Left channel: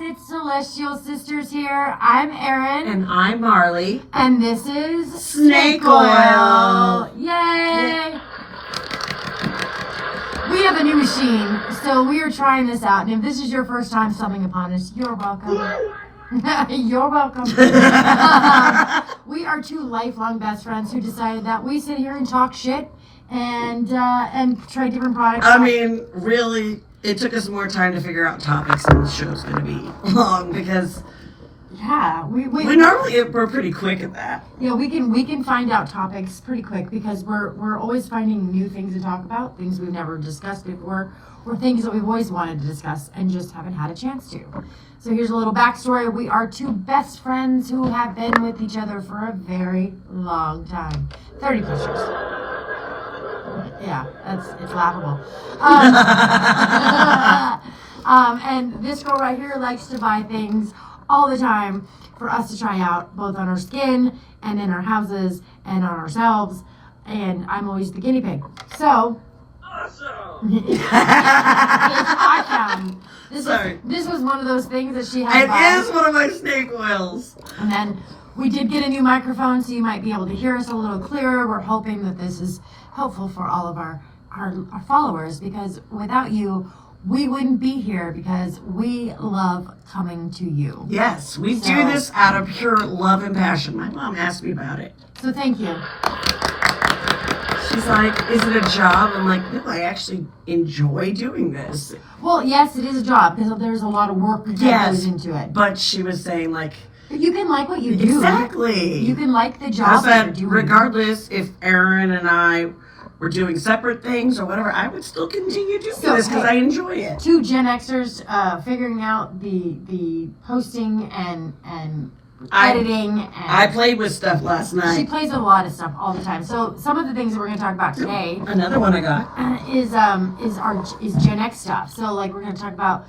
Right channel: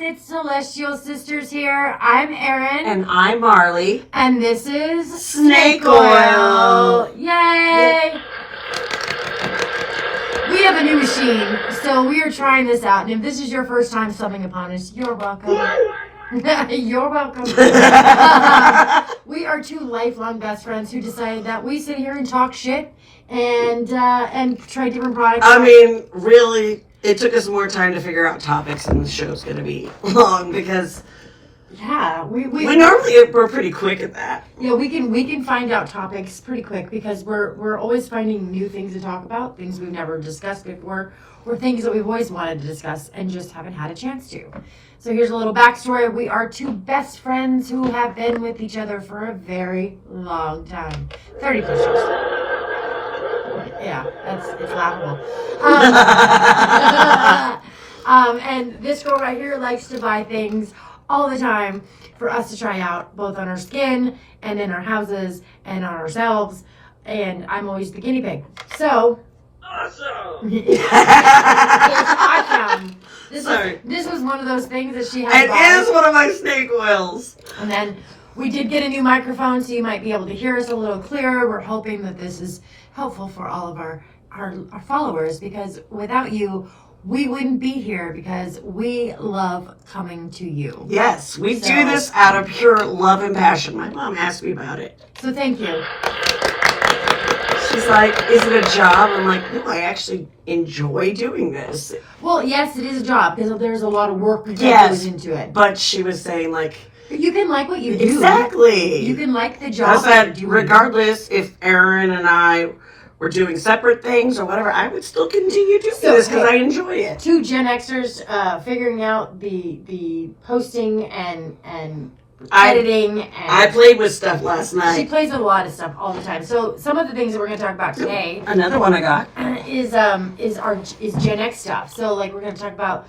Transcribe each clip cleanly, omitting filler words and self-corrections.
it's Celestial Sisters here. I'm Erin. And I'm Marley. And this is Snake Oil. Yay! We have a new machine, so we are trying this out. And if this is your first time stumbling upon us, you're welcome. You're welcome. We are two lifelong best friends who decided that we sit here and talk shit and try different products. I mean, really, it took us more time to figure out topics than the show's going to be long because we're pretty quick at that. Yeah, we can find out topics pretty quick because we're always finding new things to talk about, things we've never discussed before, or things that we've always wanted to discuss and just haven't had a chance to. So here's a little backstory. We are two best friends who have been with each other for a very long time. 30 plus years. Yeah, it's laughable. And this girl right here likes to buy things all the time for us to try out, both on our skin and in our houses and on ourselves. And I'm always the guinea pig. So, awesome. Awesome. This was one of those things that she had to buy. It is one of my snake oils. And then we did get a new microphone, so you might be able to hear us a little clearer. We're hoping that this is helpful for all of our followers, because without you, we wouldn't be here, because we love coming to you. Yes, we do this out of pure love and passion. My mom asked me about it. So thank you. She's like, is it a job? I'm like, no, I actually enjoy doing this. Well, yes, it is a job, because there's a lot of work that goes into it. But she was saying, like, but you can like what you do. Exactly. You can like the job that you're doing. Regardless if Erin and I were doing separate things or whatever, I would still continue doing this because I enjoy it. Two Gen Xers figuring out the posting and editing. I played with stuff last night. She plays with a lot of stuff all the time. So some of the things that we're going to talk about today. Another one I got is Gen X stuff. So like we're going to talk about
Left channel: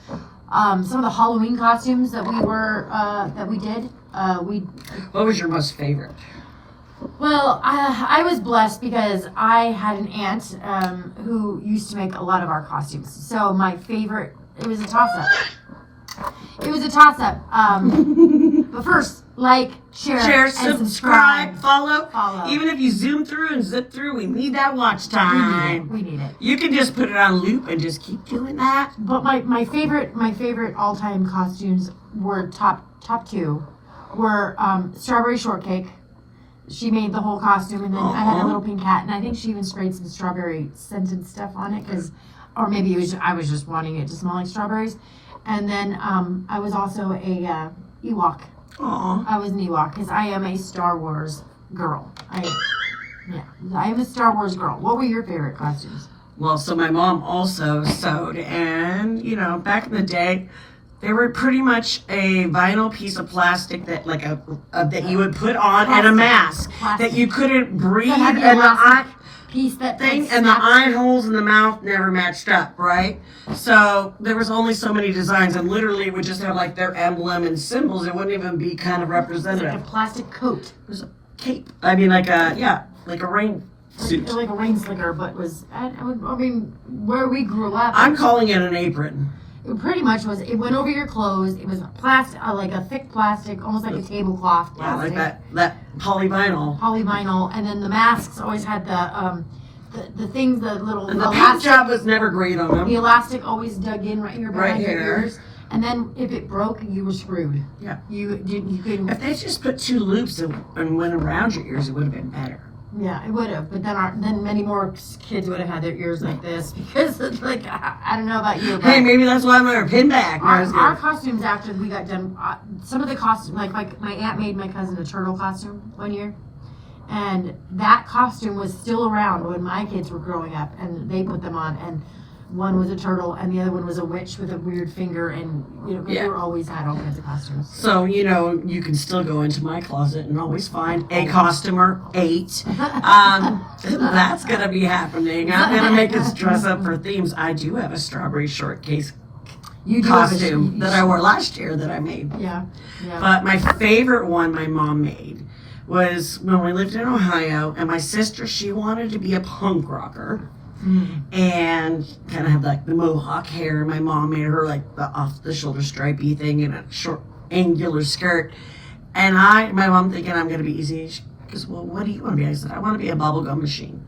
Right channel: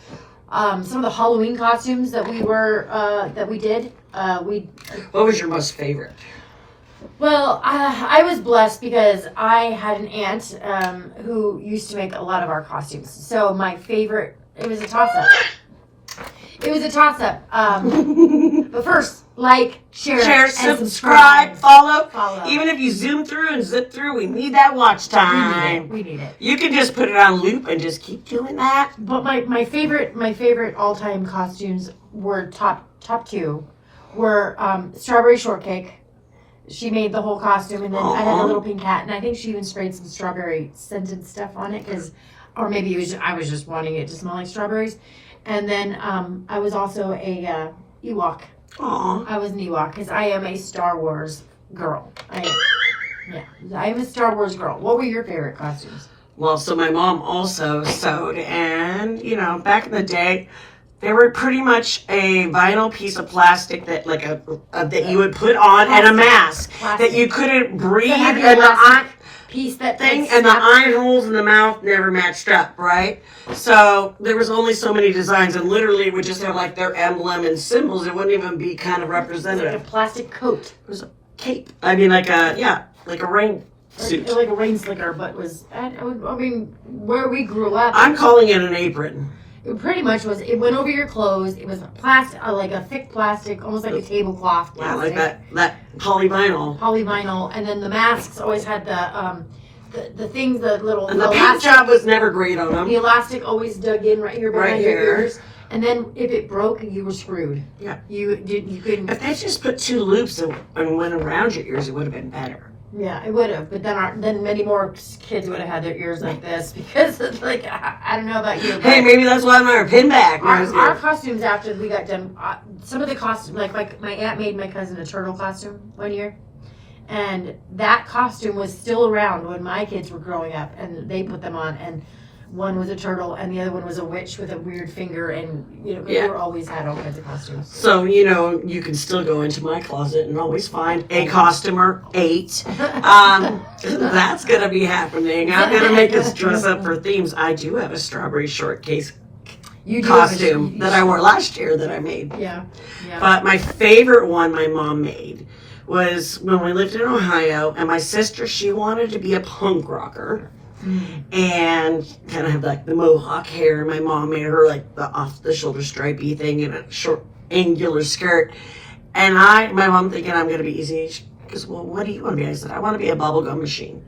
some of the Halloween costumes that we did. What was your most favorite? Well, I was blessed because I had an aunt who used to make a lot of our costumes. So my favorite, it was a toss-up. But first, like, share and subscribe. Follow. Even if you zoom through and zip through, we need that watch time. We need it. You can just put it on loop and just keep doing that. But my favorite all-time costumes were top two were strawberry shortcake. She made the whole costume, and then I had a little pink hat, and I think she even sprayed some strawberry scented stuff on it, or maybe I was just wanting it to smell like strawberries. And then I was also a Ewok. Aww. I was an Ewok because I am a Star Wars girl. I am a Star Wars girl. What were your favorite costumes? Well, so my mom also sewed, and back in the day, they were pretty much a vinyl piece of plastic that that you would put on, and a mask that you couldn't breathe, and the piece that thing, and the eye holes in the mouth never matched up, right? So there was only so many designs, and literally it would just have like their emblem and symbols. It wouldn't even be kind of representative. Like a plastic coat. It was a cape. I mean, like a rain suit. Like a rain slicker, but where we grew up. I'm calling it an apron. It pretty much was. It went over your clothes. It was plastic, like a thick plastic, almost like a tablecloth plastic. Yeah, like that polyvinyl. Polyvinyl, and then the masks always had the things, the little. And the paint job was never great on them. The elastic always dug in right here behind your ears, and then if it broke, you were screwed. Yeah. You couldn't. If they just put two loops and went around your ears, it would have been better. Yeah, it would have, but then many more kids would have had their ears like this because it's like I don't know about you. Hey, maybe that's why I'm wearing a pin back. Our costumes after we got done, some of the costumes, like my aunt made my cousin a turtle costume one year, and that costume was still around when my kids were growing up, and they put them on, and one was a turtle and the other one was a witch with a weird finger, and we were always had all kinds of costumes. So you can still go into my closet and always find a costumer 8. That's gonna be happening. I'm gonna make us dress up for themes. I do have a strawberry shortcake costume that I wore last year that I made. Yeah. But my favorite one my mom made was when we lived in Ohio, and my sister, she wanted to be a punk rocker. and kind of have like the mohawk hair. My mom made her like the off the shoulder stripey thing and a short angular skirt. And my mom thinking I'm going to be easy. She goes, well, what do you want to be? I said, I want to be a bubblegum machine.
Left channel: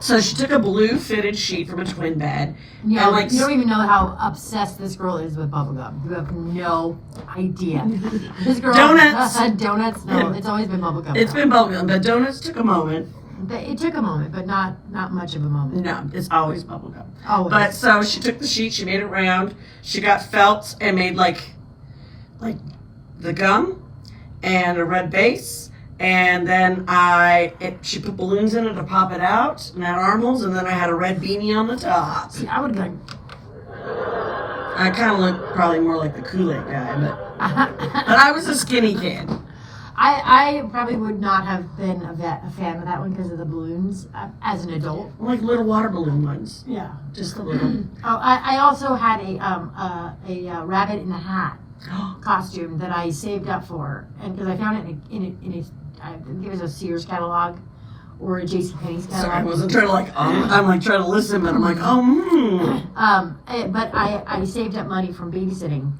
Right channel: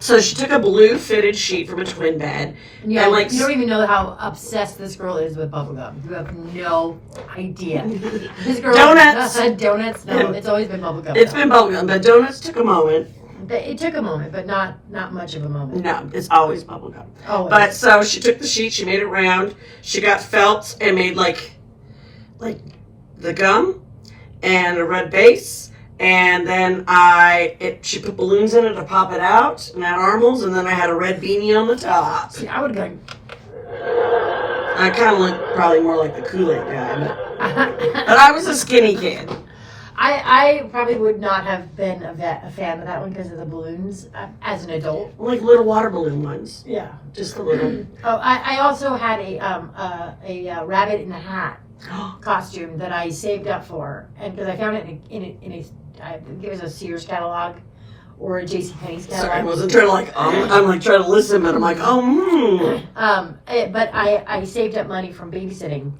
So she took a blue fitted sheet from a twin bed. You and don't even know how obsessed this girl is with bubblegum. You have no idea. This girl Donuts. Donuts. No, it's always been bubblegum. It's been bubblegum, but donuts took a moment. It took a moment, but not much of a moment. No, it's always bubblegum. Always. But so she took the sheet, she made it round. She got felt and made like the gum and a red base. And then she put balloons in it to pop it out and had armholes, and then I had a red beanie on the top. See, I would have gone. I kind of look probably more like the Kool-Aid guy, but I was a skinny kid. I probably would not have been a fan of that one because of the balloons as an adult. Like little water balloon ones. Yeah. Just a little. Oh, I also had a rabbit in a hat costume that I saved up for, and because I found it in a I think it was a Sears catalog or a JCPenney's catalog. Sorry, I wasn't trying to I'm like trying to listen, but I'm like, But I saved up money from babysitting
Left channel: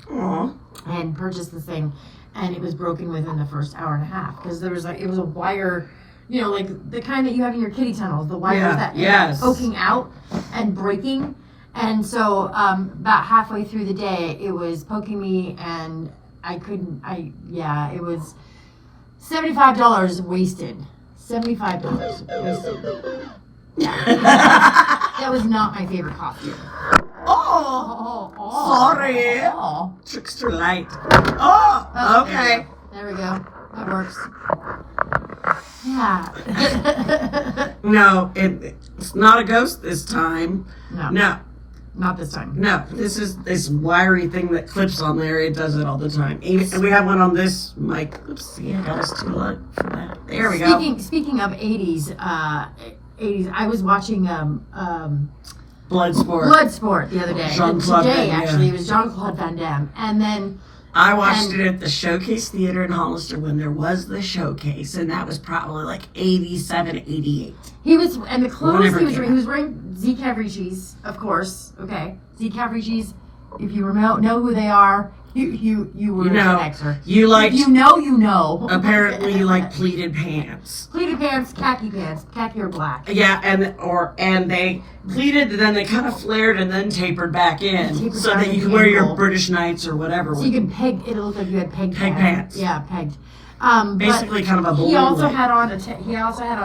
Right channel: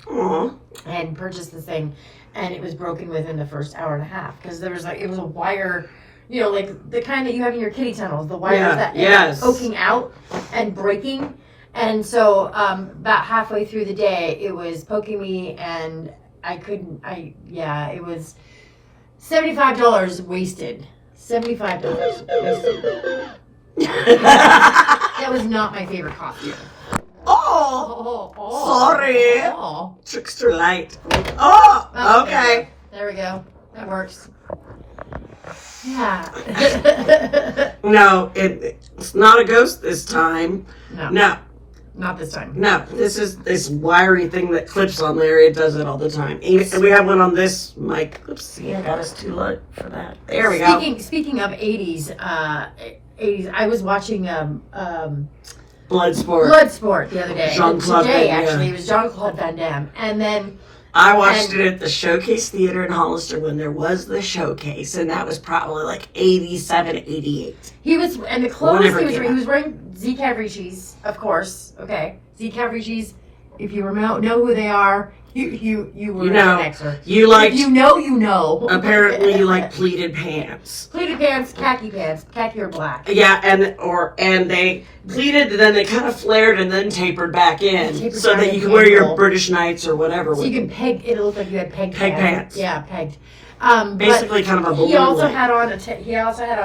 and purchased this thing, and it was broken within the first hour and a half because there was it was a wire, like the kind that you have in your kiddie tunnels, the wires that ended up poking out and breaking. And so about halfway through the day, it was poking me, and it was $75 wasted. $75 wasted. That was not my favorite costume. Sorry. Oh. Trickster light. Oh, okay. There we go. That works. Yeah. No, it's not a ghost this time. No. Not this time. No, this is this wiry thing that clips on there. It does it all the time. And we have one on this mic. Oops, see, I got us too low for that. There we go. Speaking of 80s, I was watching Bloodsport the other day. Jean Claude Van Dam. Actually, it was Jean Claude Van Dam. And then I watched it at the Showcase Theater in Hollister when there was the showcase, and that was probably like 87, 88. He was, and the clothes he was wearing Z Cavriccis, of course. Okay, Z Cavriccis. If you know who they are, you were an Xer. You like you know. Apparently, you like pleated pants. Pleated pants, khaki or black. Yeah, and they pleated, then they kind of flared and then tapered back in, so that you can wear your British Knights or whatever. So you can peg. It looked like you had pegged pants. Yeah, pegged. Basically, kind of a balloon. He also had on a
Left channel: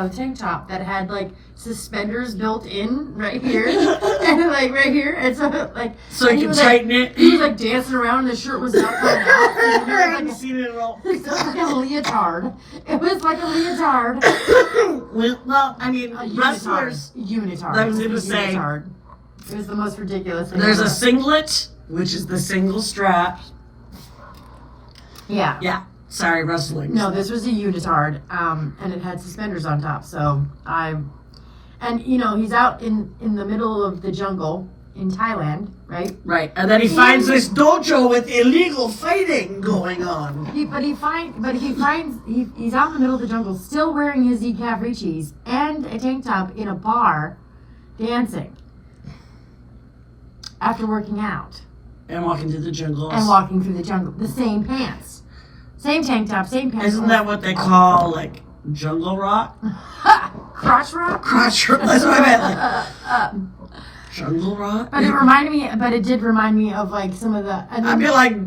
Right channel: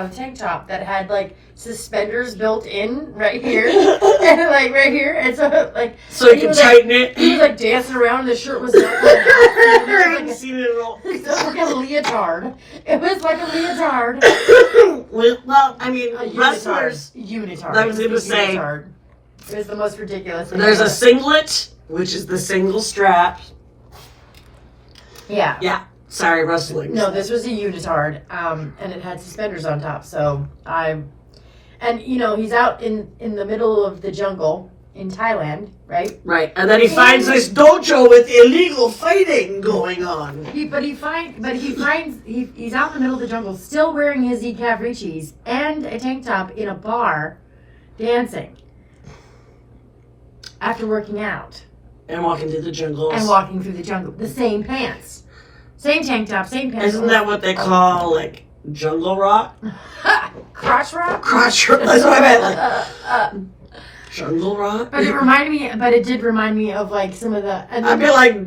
tank top that had like suspenders built in right here and like right here, and so you can tighten it. He was like dancing around, and the shirt was not coming out. I haven't seen it at all. It was like a leotard. It was like a leotard. Well, I mean, wrestlers. Unitard. That was going to say. It was the most ridiculous thing. There's a singlet, which is the single strap. Yeah. Yeah. Sorry, wrestling. No, this was a unitard, and it had suspenders on top. And he's out in the middle of the jungle in Thailand, right? Right, and then he finds this dojo with illegal fighting going on. He's out in the middle of the jungle, still wearing his Z Cavriccis and a tank top in a bar, dancing after working out and walking through the jungles. The same pants. Same tank top, same pants. Isn't that what they call, like, jungle rock? Crotch rock? Crotch rock. That's what I meant. Like, jungle rock? But it did remind me of, like, some of the... I feel like...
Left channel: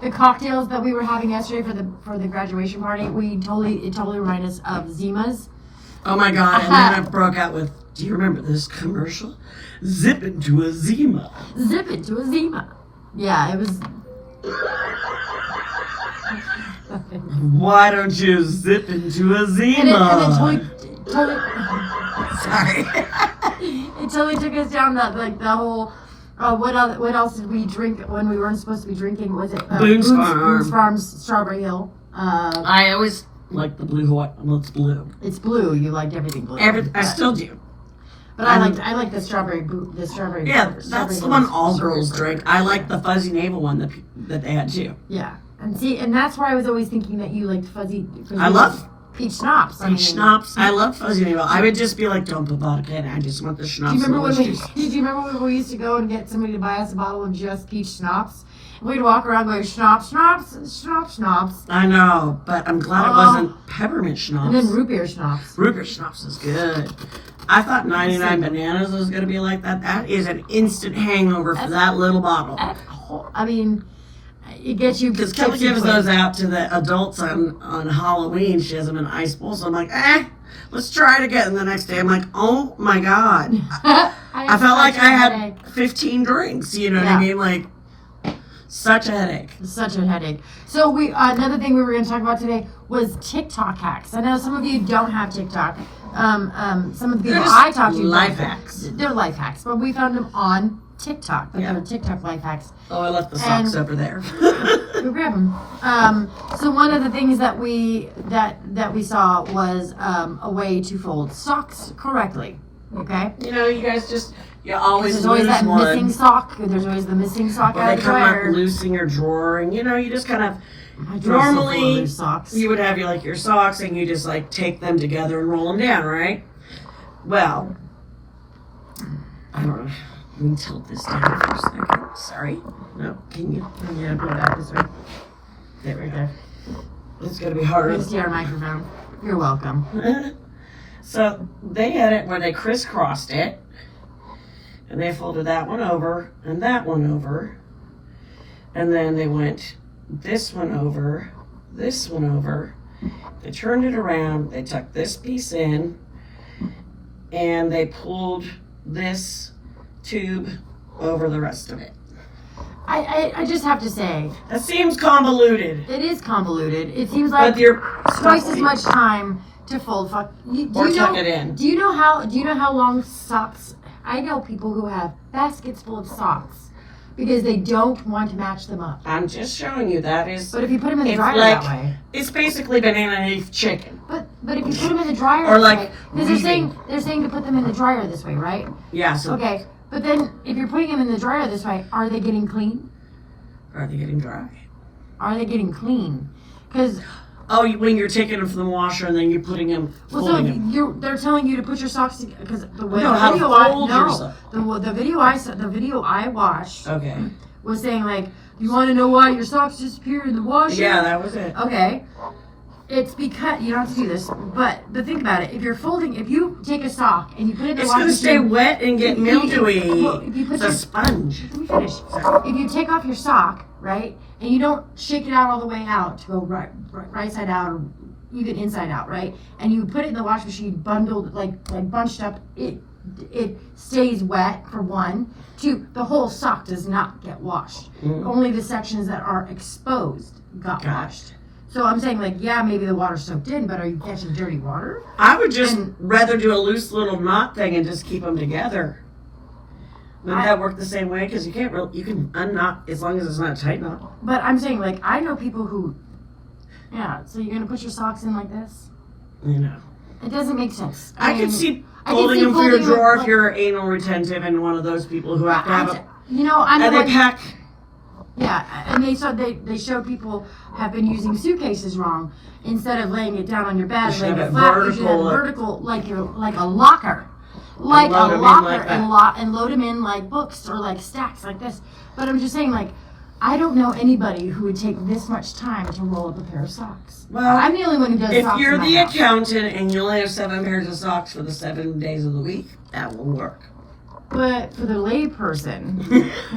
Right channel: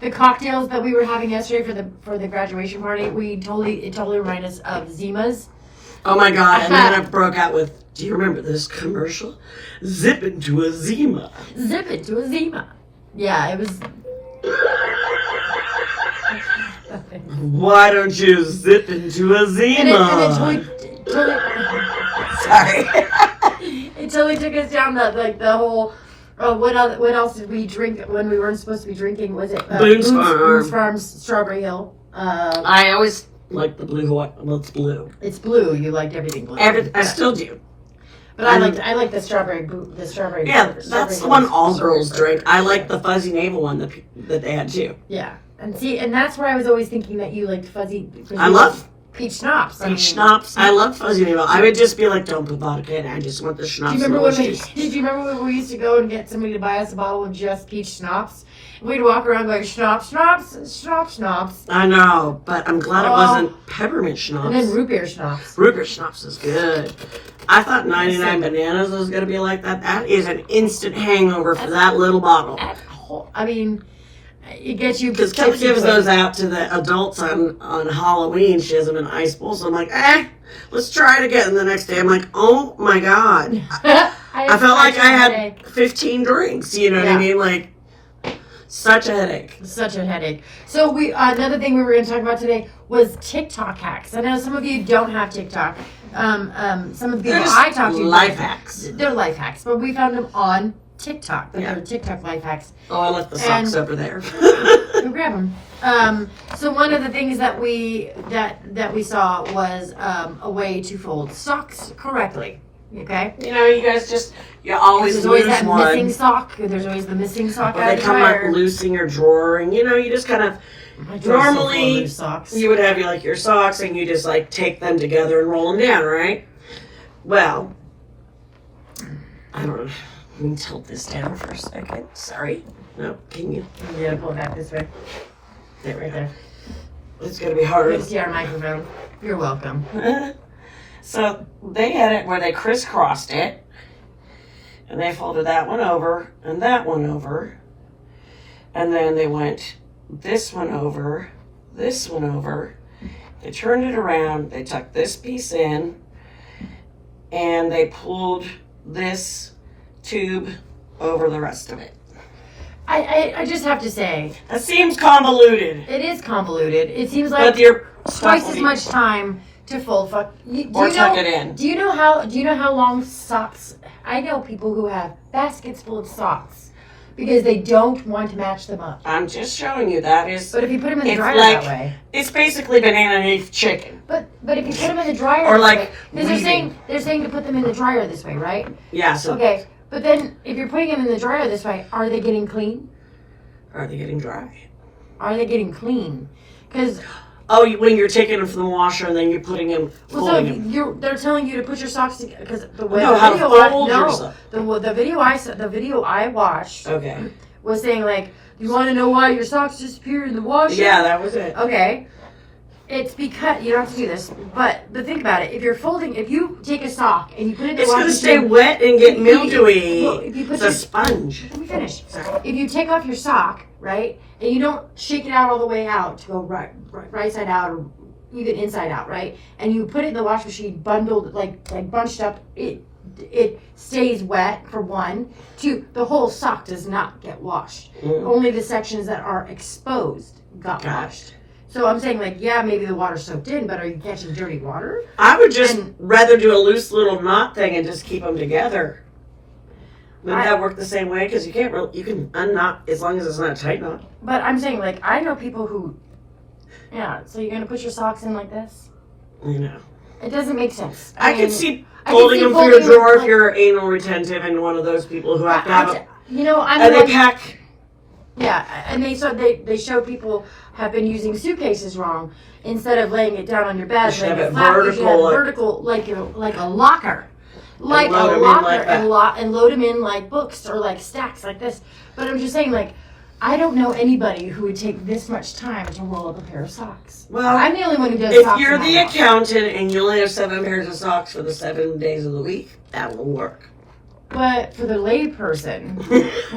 The cocktails that we were having yesterday for the graduation party, it totally reminded us of Zima's. Oh, my God. And then I broke out with, do you remember this commercial? Zip into a Zima. Zip into a Zima. Yeah, it was... Why don't you zip into a Zima? And it totally Sorry. It totally took us down the whole. What else did we drink when we weren't supposed to be drinking? Was it Boone's Farm's Strawberry Hill? I always like the blue Hawaii. Well, it's blue. It's blue. You liked everything blue. I still do. But I like the strawberry. Yeah, that's the one all girls drink. I like the fuzzy navel one that they had too. Yeah. And that's where I was always thinking that you liked fuzzy. I love peach schnapps. Peach schnapps. I love fuzzy noodle. I would just be like, don't put vodka in it. I just want the schnapps. Did you remember when we used to go and get somebody to buy us a bottle of just peach schnapps? We'd walk around going, schnapps, schnapps, schnapps, schnapps. I know, but I'm glad it wasn't peppermint schnapps. And then root beer schnapps. Root beer schnapps is good. I thought 99 bananas was going to be like that. That is an instant hangover for that little bottle. I mean, it gets you. Because Kelly gives those out to the adults on Halloween. She has them in ice bowls. So I'm like, let's try it again. And the next day I'm like, oh my God. I felt like I had 15 drinks. You know what I mean? Like, such a headache. Such a headache. So another thing we were going to talk about today was TikTok hacks. I know some of you don't have TikTok. Some of the people I talk to. Life hacks. They're life hacks, but we found them on TikTok. But they're TikTok life hacks. Oh, I left the socks over there. Go grab them. So one of the things that we saw was a way to fold socks correctly. Okay. You know, you guys you always There's always lose that one. missing sock. There's always the missing sock out They of the come dryer. up loose in your drawer, and you know, you just kind of normally you would have your socks, and you just like take them together and roll them down, right? Well, I don't know. Let me tilt this down for a second. Sorry. No, can you? Yeah, pull it back this way. There, Right there. It's gonna be harder. You can see our microphone. You're welcome. So they had it where they crisscrossed it. And they folded that one over and that one over. And then they went this one over, this one over. They turned it around, they tucked this piece in, and they pulled this tube over the rest of it. I just have to say. That seems convoluted. It is convoluted. It seems like But you're twice as much time to fold. Tuck it in. Do you know how long socks? I know people who have baskets full of socks because they don't want to match them up. I'm just showing you that is. But if you put them in the dryer that way, it's basically banana leaf chicken. But if you put them in the dryer Or this like way, because they're saying to put them in the dryer this way, right? Yeah. So okay, but then if you're putting them in the dryer this way, are they getting clean? Are they getting dry? Are they getting clean? Because when you're taking them from the washer and then you're putting them, folding them. They're telling you to put your socks together because the way No, the how to video fold yourself. the video I watched Okay. was saying like, you want to know why your socks disappear in the washer? Yeah, that was it. Okay. It's because you don't have to do this, but think about it. If you take a sock and you put it in the It's washing going to stay machine, wet and get mildewy. Well, if you put it's a sponge. Let me finish. If you take off your sock, right, and you don't shake it out all the way out to go right side out or even inside out, right, and you put it in the wash machine bundled, like bunched up, it stays wet for one. Two, the whole sock does not get washed. Only the sections that are exposed got washed. So I'm saying, maybe the water's soaked in, but are you catching dirty water? I would just rather do a loose little knot thing and just keep them together. Wouldn't that work the same way? Because you can unknot as long as it's not a tight knot. But I'm saying, I know people who, so you're going to put your socks in like this? You know. It doesn't make sense. I can see folding them through your drawer if you're anal retentive and one of those people who have to have a... and they pack... Yeah, and they show people have been using suitcases wrong. Instead of laying it down on your bed, laying it flat, vertical, like a locker. Like a locker, and load them in like books or like stacks like this. But I'm just saying, I don't know anybody who would take this much time to roll up a pair of socks. Well, I'm the only one who does if socks. If you're the accountant and you only have 7 pairs of socks for the 7 days of the week, that will work. But for the lay person,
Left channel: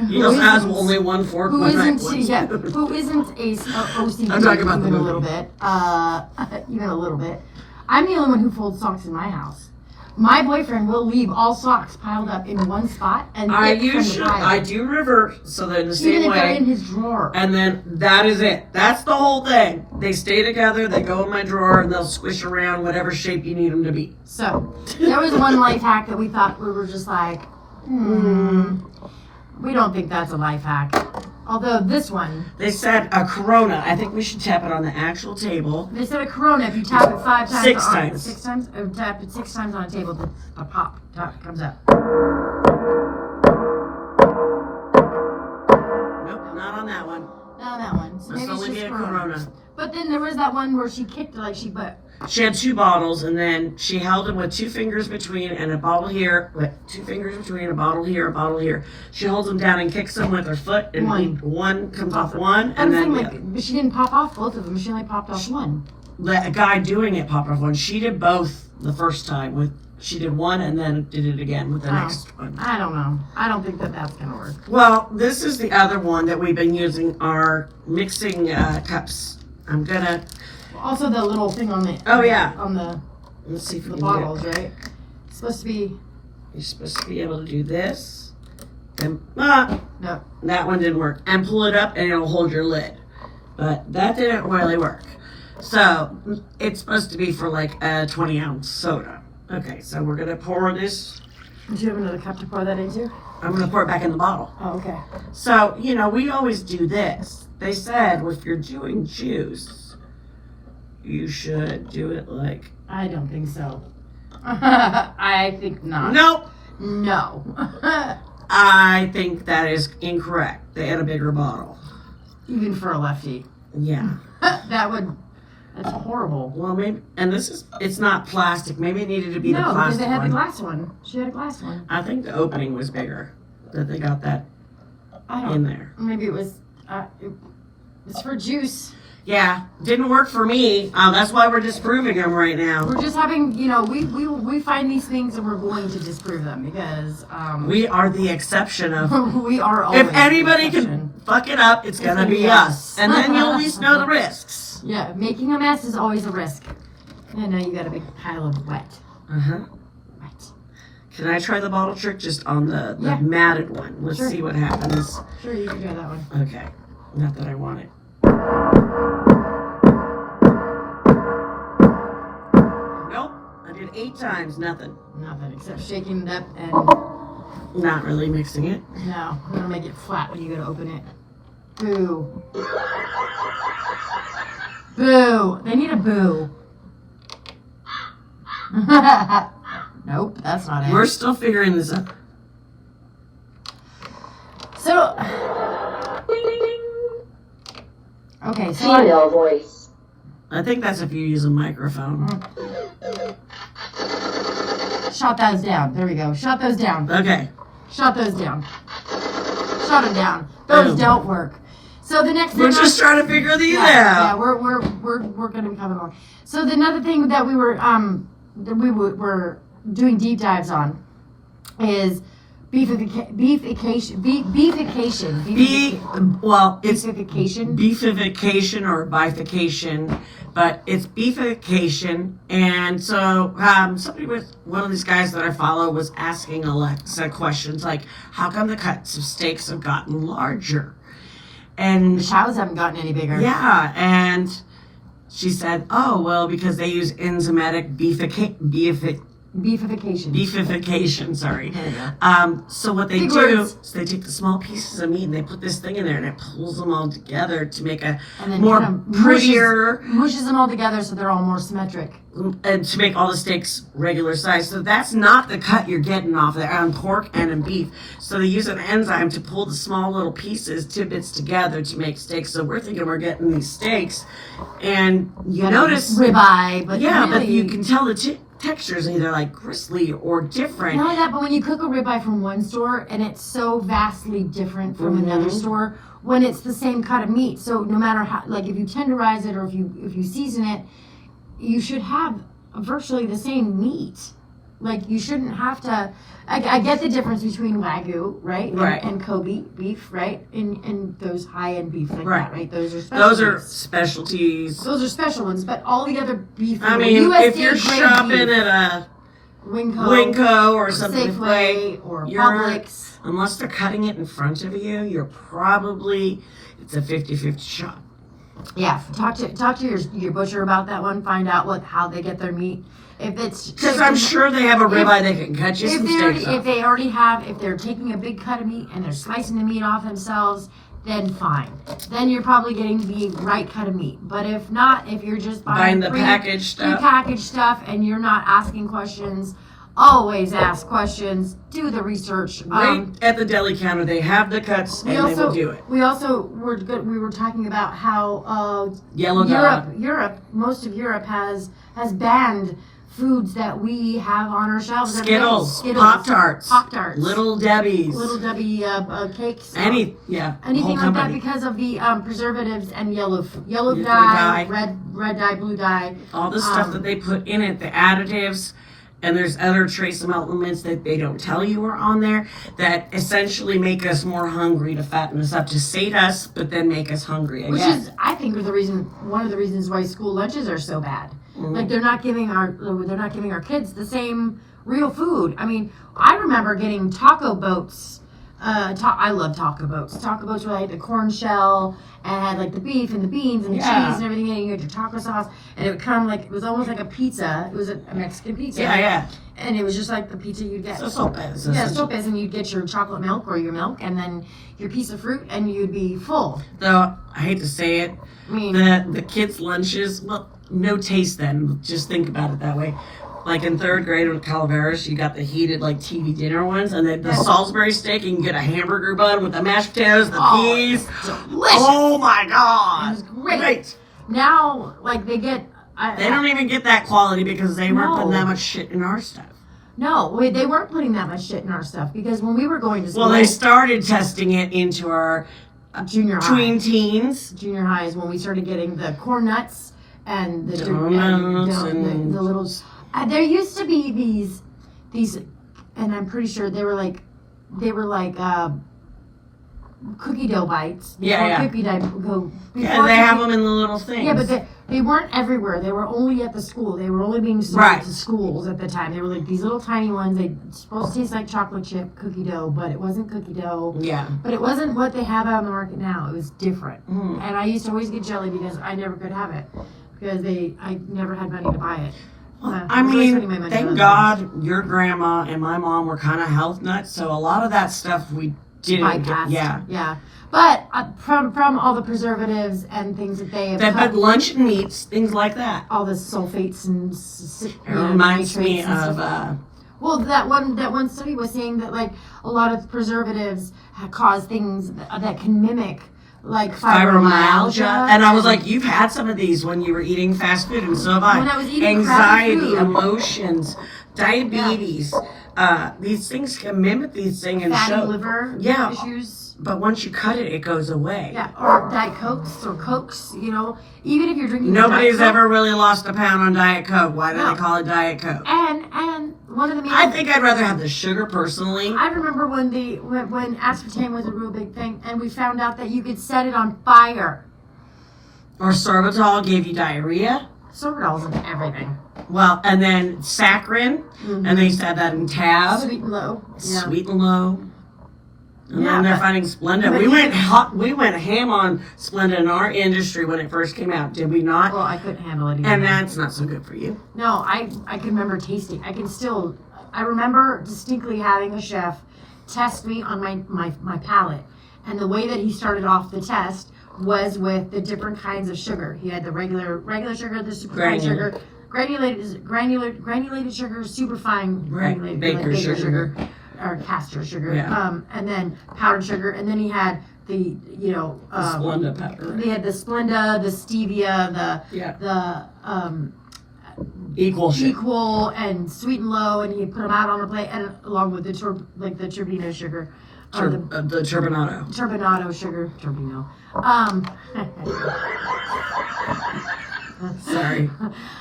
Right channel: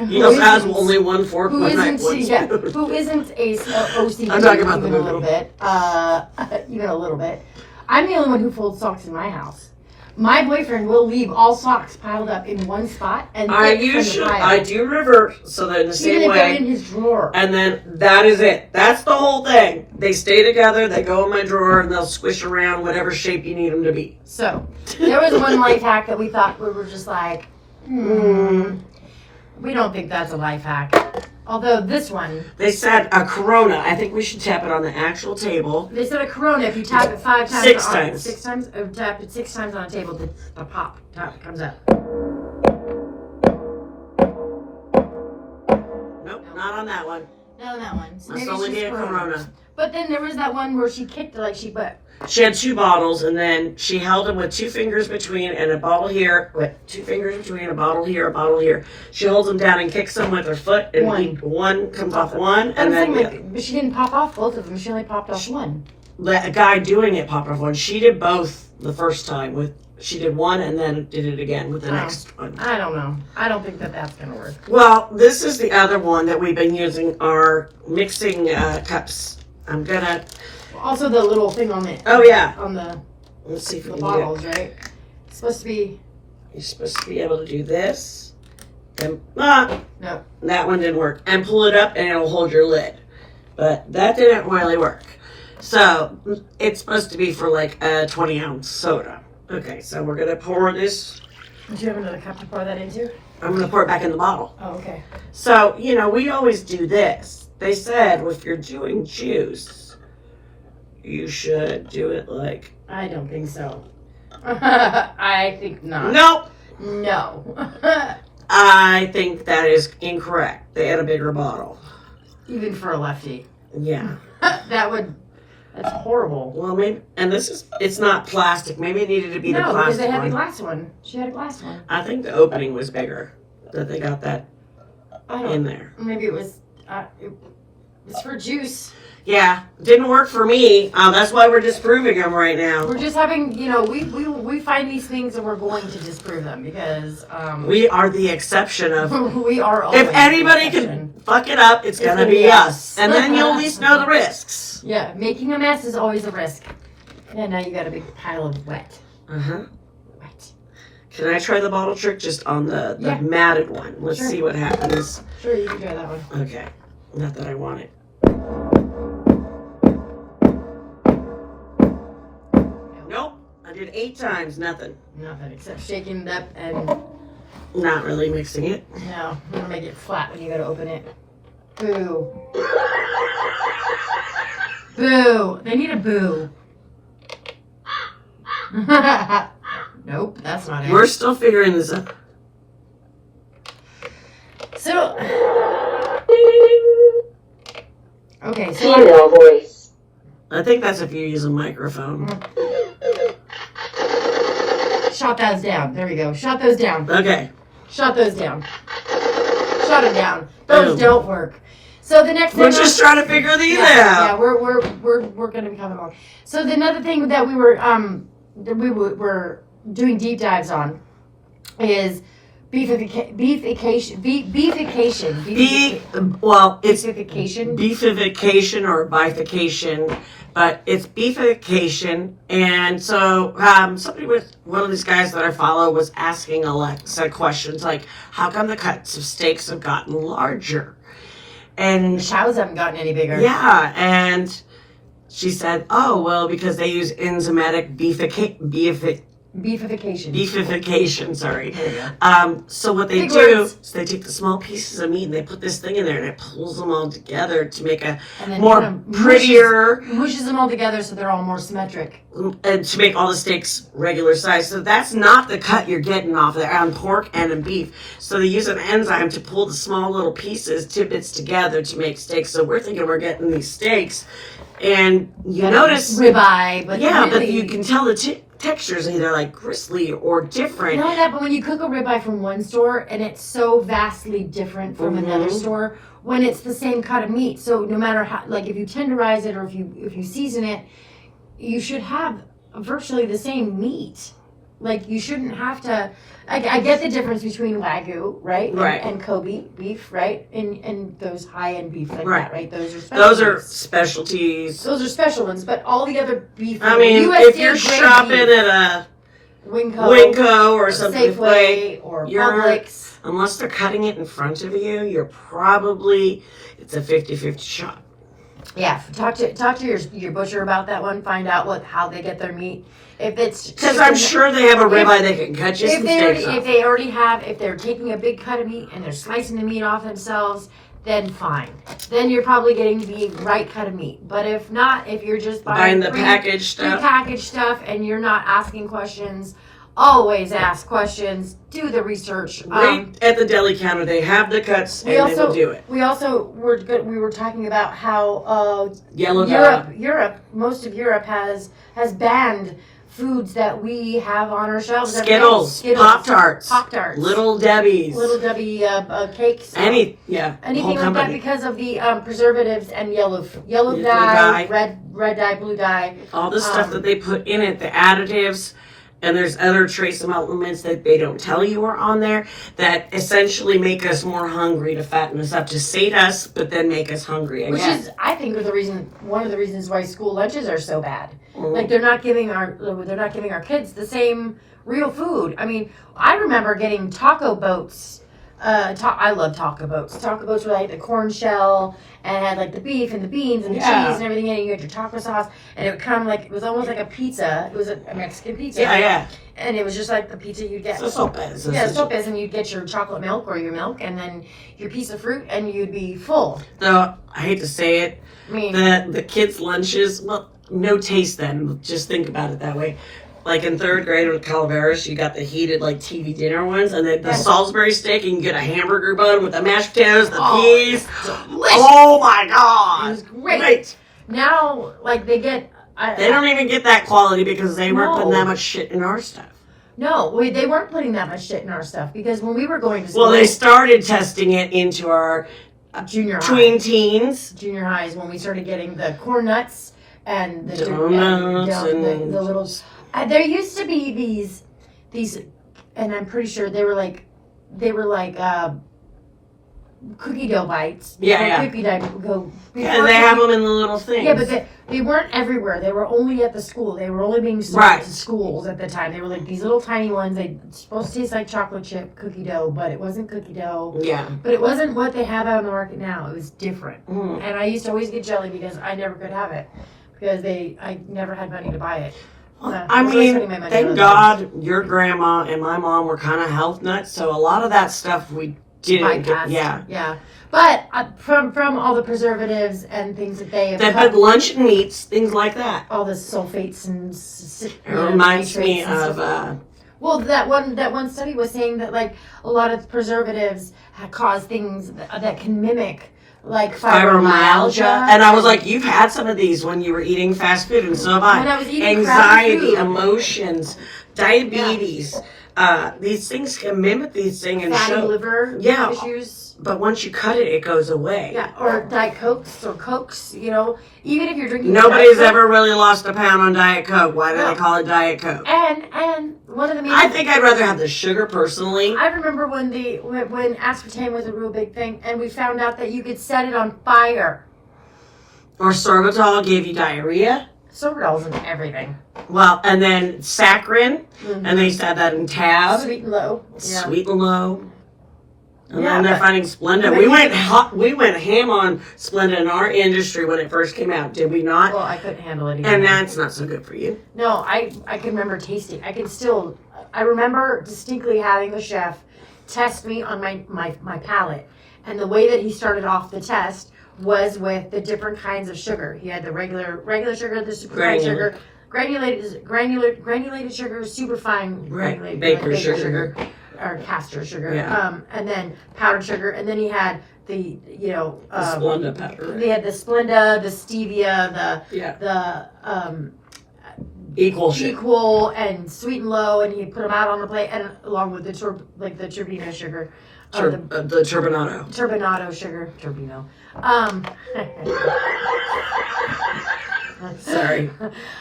he also has only one fork, one knife, one spoon. Who isn't a OCD I'm talking about even a little bit, even a little bit. I'm the only one who folds socks in my house. My boyfriend will leave all socks piled up in one spot and I do reverse so that in the same way. In his drawer. And then that is it. That's the whole thing. They stay together. They go in my drawer and they'll squish around whatever shape you need them to be. So there was one life hack that we thought we were just like, we don't think that's a life hack. Although this one... They said a Corona. I think we should tap it on the actual table. They said a Corona, if you tap it 5 times... 6 times. 6 times? Or tap it 6 times on a table, the pop comes out. Nope, not on that one. Not on that one. So that's only a Corona. But then there was that one where she kicked it, She had 2 bottles, and then she held them with 2 fingers between and a bottle here, with 2 fingers between, a bottle here, a bottle here. She holds them down and kicks them with her foot, and one comes off one, and then but she didn't pop off both of them. She only popped off one. The guy doing it popped off one. She did both the first time. She did one and then did it again with the next one. I don't know. I don't think that's going to work. Well, this is the other one that we've been using, our mixing cups. I'm going to... Also the little thing on the... Oh, yeah. On Let's see if we the can bottles, get it. right? It's supposed to be... You're supposed to be able to do this. And, No. that one didn't work. And pull it up and it'll hold your lid. But that didn't really work. So, it's supposed to be for like a 20-ounce soda. Okay, so we're going to pour this. Do you have another cup to pour that into? I'm going to pour it back in the bottle. Oh, okay. So, we always do this. They said if you're doing juice, you should do it like... I don't think so. I think not. Nope. No. I think that is incorrect. They had a bigger bottle. Even for a lefty. Yeah. That's horrible. Well, maybe, and it's not plastic. Maybe it needed to be the plastic one. No, because they had the glass one. She had a glass one. I think the opening was bigger, that they got that in there. Maybe it was, it's for juice. Yeah, didn't work for me. That's why we're disproving them right now. We're just having, we find these things and we're going to disprove them because... we are the exception of... we are always if anybody can fuck it up, it's going to be us. And then you'll at least know the risks. Yeah, making a mess is always a risk. And now you got a big pile of wet. Uh-huh. Wet. Can I try the bottle trick just on the matted one? Let's see what happens. Sure, you can try that one. Okay. Not that I want it. Nope. I did 8 times, nothing. Nothing except shaking it up and... Not really mixing it. No, I'm going to make it flat when you go to open it. Boo. Boo. They need a boo. Nope, that's not it. We're still figuring this out. So... Okay, so Female voice. I think that's if you use a microphone. Shot those down. There we go. Shot those down. Okay. Shot those down. Shot them down. Those don't work. So the next thing we're just trying to figure these out. Yeah, we're gonna be coming along. So the another thing that we were doing deep dives on is beefication. Well, it's beefication. Beefication or bifurcation, but it's beefication. And so one of these guys that I follow was asking Alexa questions like, how come the cuts of steaks have gotten larger? And the chows haven't gotten any bigger. Yeah, and she said, oh, well, because they use enzymatic beefication, sorry. So what they do is they take the small pieces of meat and they put this thing in there and it pulls them all together to make a more prettier... Mushes them all together so they're all more symmetric. And to make all the steaks regular size. So that's not the cut you're getting off there on pork and in beef. So they use an enzyme to pull the small little pieces, tidbits together to make steaks. So we're thinking we're getting these steaks. And you notice... Ribeye. But yeah, really, but you can tell the textures either like gristly or different. Not only that, but when you cook a ribeye from one store and it's so vastly different from another store when it's the same cut of meat. So no matter how, like if you tenderize it or if you season it, you should have virtually the same meat. Like you shouldn't have to. I get the difference between Wagyu, right? Right. And Kobe beef, right? And those high-end beef like right. that, right? Those are specialties. Those are special ones, but all the other beef. I mean, if you're shopping at a Winco or something Safeway or Publix, unless they're cutting it in front of you, it's a 50-50 shot. Yeah, talk to your butcher about that one. Find out how they get their meat. If it's because I'm sure they have a ribeye they can cut you some steaks off. If they're taking a big cut of meat and they're slicing the meat off themselves, then fine. Then you're probably getting the right cut of meat. But if not, if you're just buying the packaged stuff, prepackaged stuff, and you're not asking questions always ask questions, do the research. Right at the deli counter, they have the cuts, and they will do it. We also we were talking about how Europe, most of Europe has banned foods that we have on our shelves. Skittles, Pop Tarts, Little Debbie cakes, anything like that because of the preservatives and yellow dye, red dye, blue dye, all the stuff that they put in it, the additives. And there's other trace elements that they don't tell you are on there that essentially make us more hungry to fatten us up, to sate us, but then make us hungry again. Which is, I think, one of the reasons why school lunches are so bad. Mm-hmm. Like they're not giving our kids the same real food. I mean, I remember getting taco boats. I love taco boats. Taco boats were like the corn shell and had like the beef and the beans and the cheese and everything in it. You had your taco sauce, and it would come like, it was almost like a pizza. It was a Mexican pizza. Yeah, yeah. And it was just like the pizza you'd get. Sopes. And you'd get your chocolate milk or your milk, and then your piece of fruit, and you'd be full. Though, I hate to say it, I mean, the kids' lunches, well, no taste then. Just think about it that way. Like in third grade with Calaveras, you got the heated like TV dinner ones, and then the Salisbury steak. You can get a hamburger bun with the mashed potatoes, the peas. Delicious. Oh my god, it was great. Now, like they get, they don't even get that quality because they weren't putting that much shit in our stuff. No, they weren't putting that much shit in our stuff because when we were going to school, well, they started testing it into our junior tween teens, junior highs, when we started getting the corn nuts and the donuts and the little. There used to be these, and I'm pretty sure they were like cookie dough bites. Cookie dough. And they have them in the little things. Yeah, but they weren't everywhere. They were only at the school. They were only being sold to schools at the time. They were like these little tiny ones. They were supposed to taste like chocolate chip cookie dough, but it wasn't cookie dough. Yeah. But it wasn't what they have out on the market now. It was different. Mm. And I used to always get jelly because I never could have it because I never had money to buy it. I mean, thank God your grandma and my mom were kind of health nuts, so a lot of that stuff we didn't get. Yeah. But from all the preservatives and things that they have, but lunch and meats, things like that. All the sulfates and it reminds me of. Well, that one study was saying that like a lot of preservatives cause things that can mimic. Like fibromyalgia. And I was like, you've had some of these when you were eating fast food, and so have I. When I was eating anxiety, emotions, diabetes. These things can mimic these things and fatty show liver issues. But once you cut it, it goes away. Yeah, or Diet Cokes or Cokes, even if you're drinking. Nobody's ever really lost a pound on Diet Coke. Why do they call it Diet Coke? And one of the main. I think I'd rather have the sugar personally. I remember when aspartame was a real big thing, and we found out that you could set it on fire. Or sorbitol gave you diarrhea. Sorbitol's in everything. Well, and then saccharin, and they said that in Tab. Sweet and low. Yeah. Sweet and low. And then they're finding Splenda. We went ham on Splenda in our industry when it first came out, did we not? Well, I couldn't handle it either. And that's not so good for you. No, I can remember tasting. I remember distinctly having a chef test me on my palate. And the way that he started off the test was with the different kinds of sugar. He had the regular sugar, the super fine sugar, granulated sugar, super fine baker sugar. Or castor sugar, and then powdered sugar, and then he had the Splenda powder. They had the Splenda, the stevia, the equal and sweet and low, and he put them out on the plate, and along with the turbino sugar, the turbinado sugar, turbino. Sorry.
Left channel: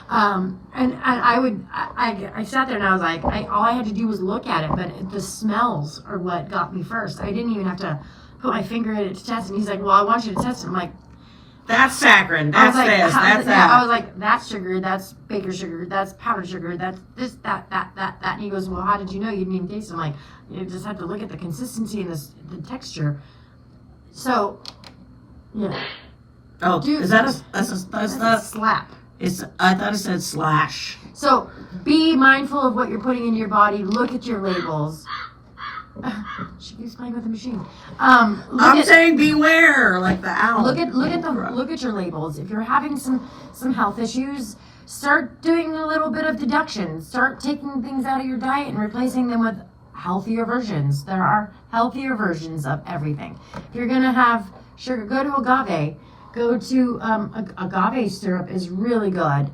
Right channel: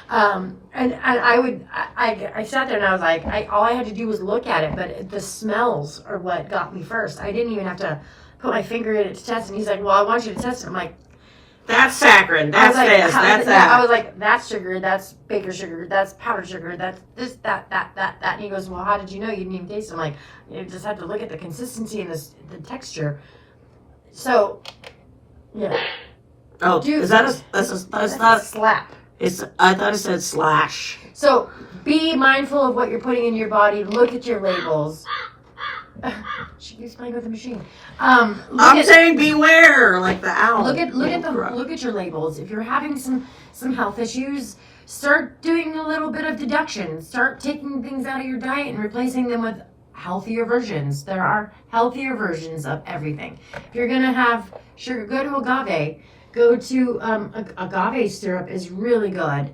And I sat there and I was like, all I had to do was look at it, but the smells are what got me first. I didn't even have to put my finger in it to test it. And he's like, well, I want you to test it. I'm like, that's saccharin, that's this, that's that. I was like, that's sugar, that's baker sugar, that's powdered sugar, that's this, that. And he goes, well, how did you know? You didn't even taste it. I'm like, you just had to look at the consistency and the texture. So, yeah. Oh, dude, is that that's not a slap. I thought it said slash. So be mindful of what you're putting in your body. Look at your labels. She keeps playing with the machine. I'm saying beware, like the owl. Look at your labels. If you're having some health issues, start doing a little bit of deduction. Start taking things out of your diet and replacing them with healthier versions. There are healthier versions of everything. If you're gonna have sugar, go to agave. Go to agave syrup is really good.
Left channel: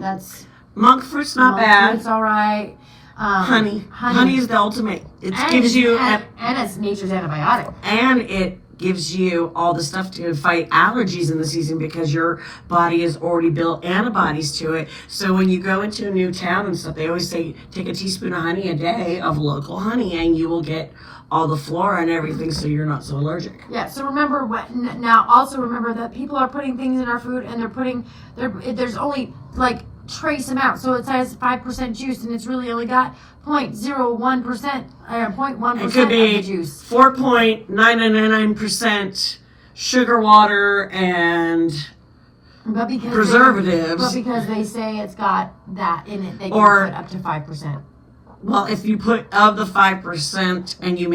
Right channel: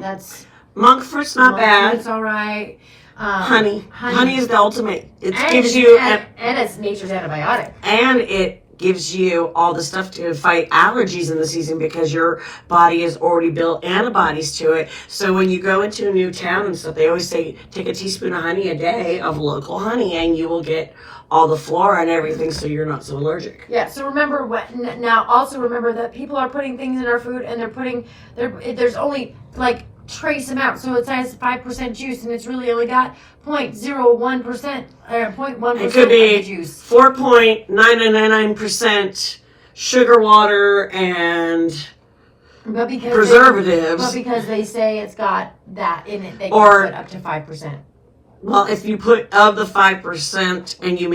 That's monk fruit's not bad. It's all right. Honey is the ultimate. It and gives you and it's nature's antibiotic. And it gives you all the stuff to fight allergies in the season because your body has already built antibodies to it. So when you go into a new town and stuff, they always say take a teaspoon of honey a day of local honey, and you will get all the flora and everything, so you're not so allergic. Yeah. So remember now. Also remember that people are putting things in our food, and there's only like trace amount. So it says 5% juice, and it's really only got 0.01% or 0.1% it could be of the juice. 4.999% sugar water and preservatives. But because they say it's got that in it, they can Or- put up to 5%. Well, if you put of the 5% and you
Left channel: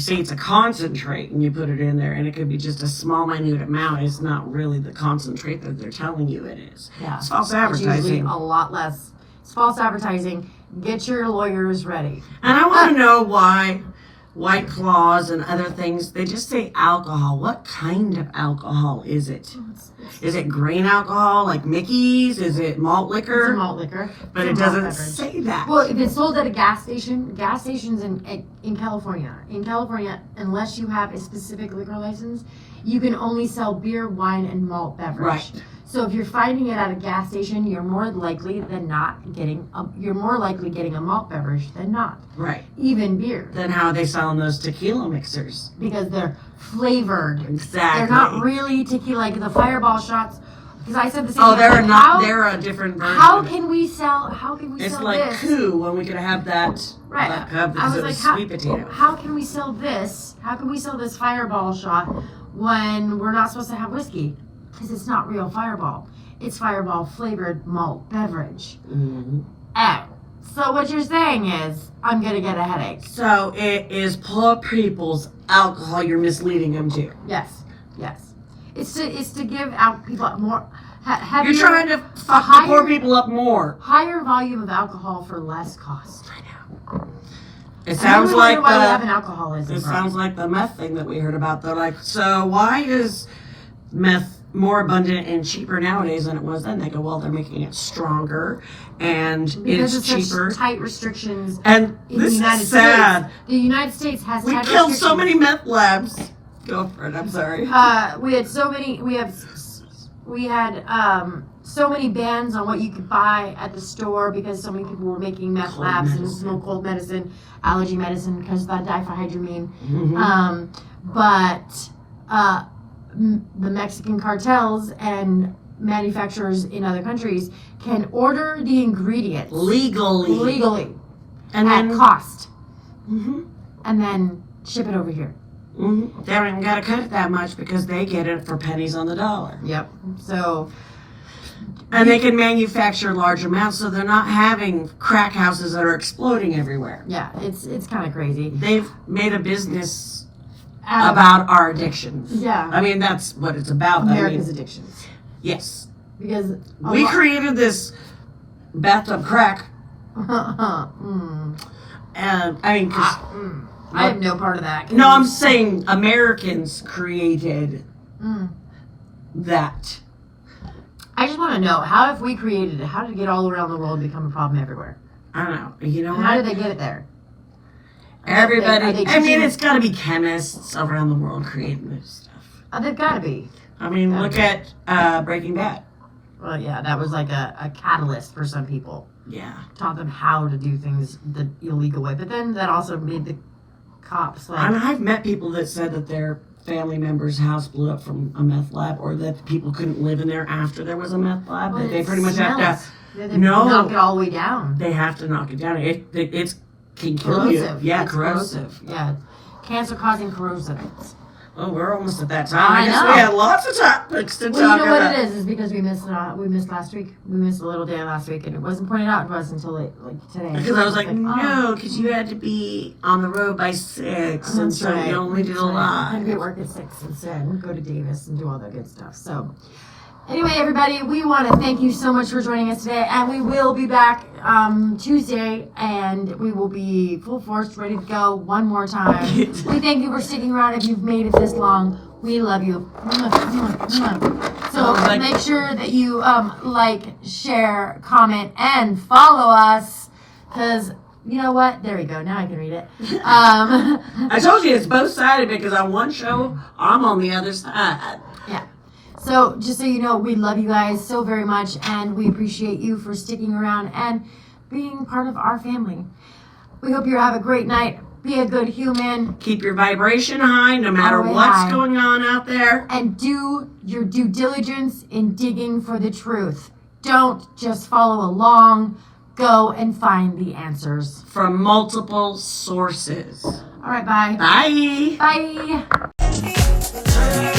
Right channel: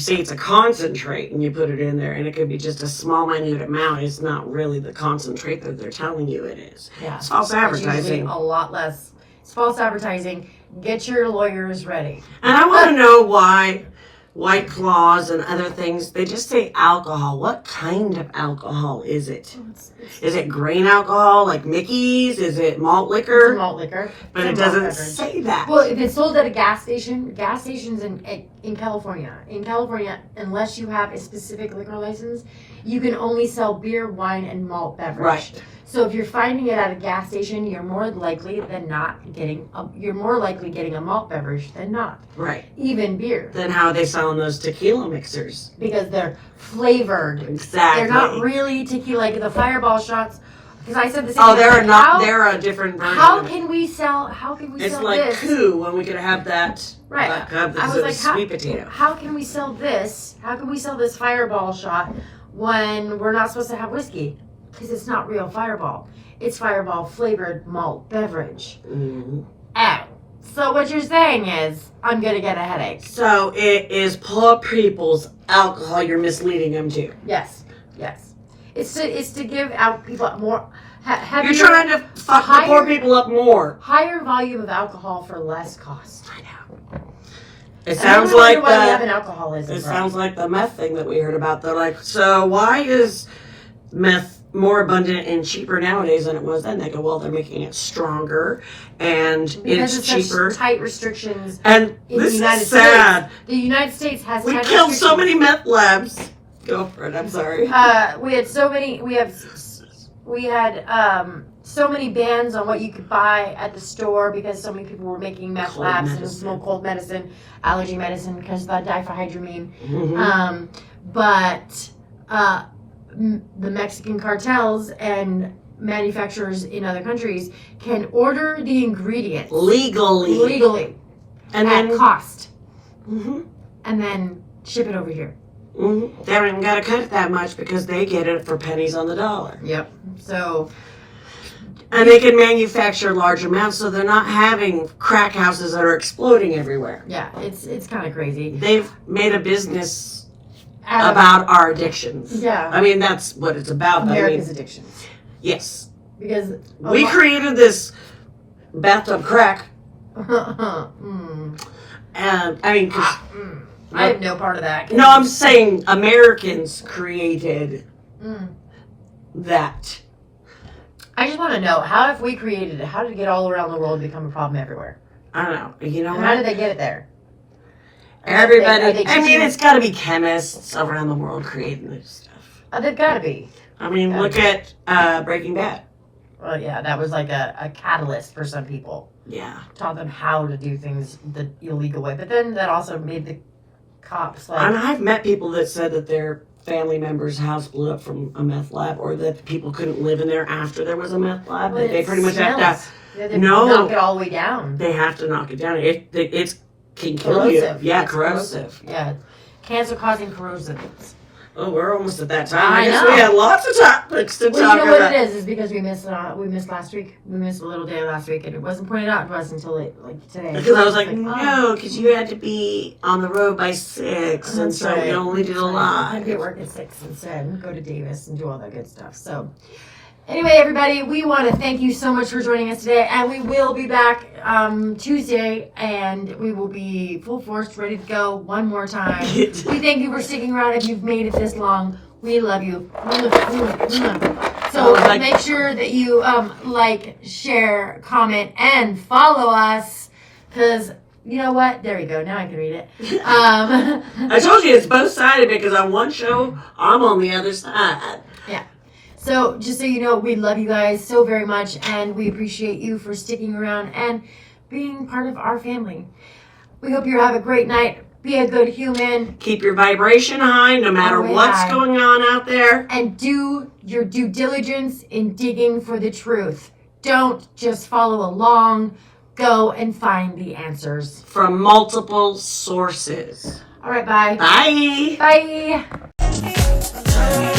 say it's a concentrate and you put it in there, and it could be just a small, minute amount, it's not really the concentrate that they're telling you it is. Yeah. It's false It's usually advertising. a lot less. It's false advertising. Get your lawyers ready. And I want to know why White Claws and other things, they just say alcohol. What kind of alcohol is it? Is it grain alcohol like Mickey's? Is it malt It's a liquor? malt liquor. But It's it a malt doesn't beverage. say that. Well, if it's sold at a gas stations in California, unless you have a specific liquor license, you can only sell beer, wine, and malt beverage. Right. So if you're finding it at a gas station, you're more likely getting a malt beverage than not. Right. Even beer. Then how are they selling those tequila mixers? Because they're flavored. Exactly. They're not really tequila, like the Fireball shots. Because I said the same Oh, thing. they're not. They're a different version. How of it. can we sell It's like this? coup when we could have that. Right. Because I was of like, the sweet potato. how can we sell this? How can we sell this Fireball shot when we're not supposed to have whiskey? Because it's not real Fireball. It's Fireball flavored malt beverage. Mm-hmm. Oh. So what you're saying is, I'm going to get a headache. So it is poor people's alcohol you're misleading them to. Yes. Yes. It's to give out people more... You're trying to fuck the poor people up more. Higher volume of alcohol for less cost. I know. It And sounds then we like wonder why we have an alcoholism. It sounds like the meth thing that we heard about. They're like, so why is meth more abundant and cheaper nowadays than it was then? They go, well, they're making it stronger and because it's of cheaper. such tight restrictions And in this the United is sad. States. The United States has We tight killed so restrictions. many meth labs. Go for it. I'm sorry. We had so many. We had so many bans on what you could buy at the store because so many people were making meth Cold labs medicine. and smoke cold medicine, allergy medicine because of the diphenhydramine. Mhm. But the Mexican cartels and manufacturers in other countries can order the ingredients legally and at then cost, Mhm. and then ship it over here. Mhm. They don't even got to cut it that much because they get it for pennies on the dollar. Yep. So. And they can manufacture large amounts, so they're not having crack houses that are exploding everywhere. Yeah, it's kind of crazy. They've made a business about our addictions. Yeah. I mean, that's what it's about. America's addictions. Yes. Because We created this bathtub crack. Mm. And, I mean, 'cause- I have no part of that. no, I'm saying Americans created that. I just want to know, how if we created it, how did it get all around the world and become a problem everywhere? I don't know. You know And how did what? they get it there? Everybody. Are they I mean, teaching- it's got to be chemists around the world creating this stuff. They've got to be. I mean, look at Breaking Bad. Well, yeah, that was like a catalyst for some people. Yeah. Taught them how to do things the illegal way. But then that also made the cops like... And I've met people that said that their family member's house blew up from a meth lab, or that people couldn't live in there after there was a meth lab. Well, That they it pretty much have smells. to. They No. knock it all the way down. They have to knock it down. It can kill you. Corrosive. Yeah, It's corrosive. Yeah. Cancer-causing corrosive. Oh, we're almost at that time. I I guess know. we had lots of topics to Well, talk you know about. what it is because we missed last week. We missed a little day last week, and it wasn't pointed out to us until like today. Because I was like, oh. no, because you had to be on the road by 6, and That's so we only did a That's right. I lot. had to get work at 6 instead and go to Davis and do all that good stuff. So Anyway, everybody, we want to thank you so much for joining us today, and we will be back Tuesday, and we will be full force, ready to go one more time. We thank you for sticking around. If you've made it this long, we love you. So make sure that you like, share, comment, and follow us, because you know what? There you go. Now I can read it. I told you it's both-sided because on one show, I'm on the other side. Yeah. So just so you know, we love you guys so very much, and we appreciate you for sticking around and being part of our family. We hope you have a great night. Be a good human. Keep your vibration high no matter what's going on out there. And do your due diligence in digging for the truth. Don't just follow along. Go and find the answers. From multiple sources. All right, bye. Bye. Bye.